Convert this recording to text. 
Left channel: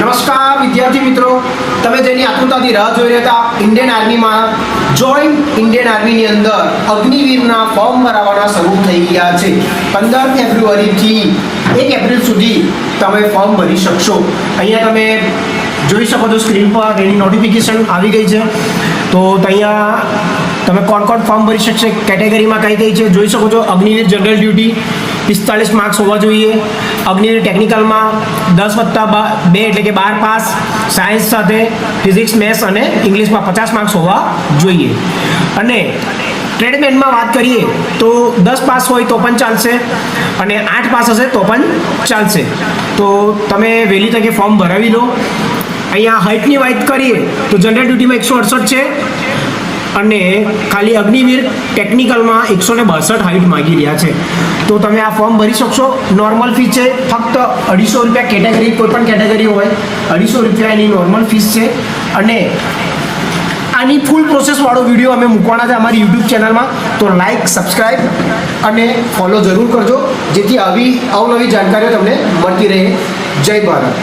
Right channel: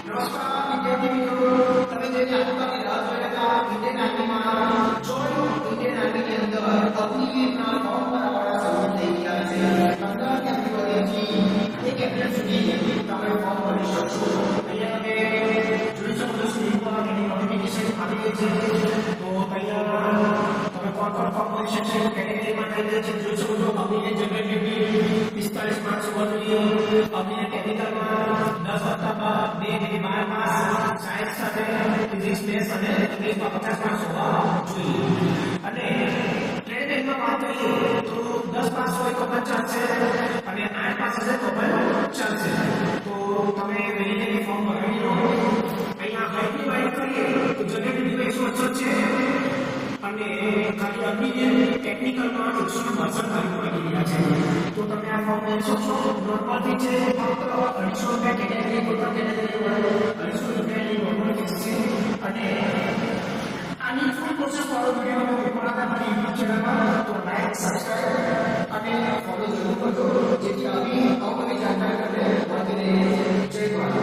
નમસ્કાર વિદ્યાર્થી મિત્રો, તમે જેની આતુરતાથી રાહ જોઈ રહ્યા હતા ઇન્ડિયન આર્મીમાં જોઈન ઇન્ડિયન આર્મીની અંદર અગ્નિવીરના ફોર્મ ભરાવાના શરૂ થઈ ગયા છે. 15 ફેબ્રુઆરીથી 1 એપ્રિલ સુધી તમે ફોર્મ ભરી શકશો. અહીંયા તમે જોઈ શકો છો સ્ક્રીન પર એની નોટિફિકેશન આવી ગઈ છે. તો અહીંયા તમે કોણ ફોર્મ ભરી શકશે, કેટેગરીમાં કઈ છે જોઈ શકો છો. અગ્નિવીર જનરલ ડ્યુટી 45 માર્ક્સ હોવા જોઈએ. અગ્નિવીર ટેકનિકલમાં 10+2 એટલે કે 12 પાસ, સાયન્સ સાથે ફિઝિક્સ, મેથ્સ અને ઇંગ્લિશમાં 50 માર્ક્સ હોવા જોઈએ. અને ટ્રેડમેનમાં વાત કરીએ તો 10 પાસ હોય તો પણ ચાલશે અને 8 પાસ હશે તો પણ ચાલશે. તો તમે વહેલી તકે ફોર્મ ભરાવી લો. અહીંયા હાઇટની વાત કરીએ તો જનરલ ડ્યુટીમાં 168 છે અને ખાલી અગ્નિવીર ટેકનિકલમાં 162 હાઇટ માગી રહ્યા છે. તો તમે આ ફોર્મ ભરી શકશો. નોર્મલ ફીસ છે ફક્ત 250 રૂપિયા. કેટેગરી કોઈ પણ કેટેગરી હોય 250 રૂપિયા એની નોર્મલ ફીસ છે. અને આની ફૂલ પ્રોસેસવાળો વિડીયો અમે મૂકવાના છે અમારી યુટ્યુબ ચેનલમાં. તો લાઇક, સબસ્ક્રાઈબ અને ફોલો જરૂર કરજો, જેથી આવી અવનવી જાણકારીઓ તમને મળતી રહે. જય ભારત.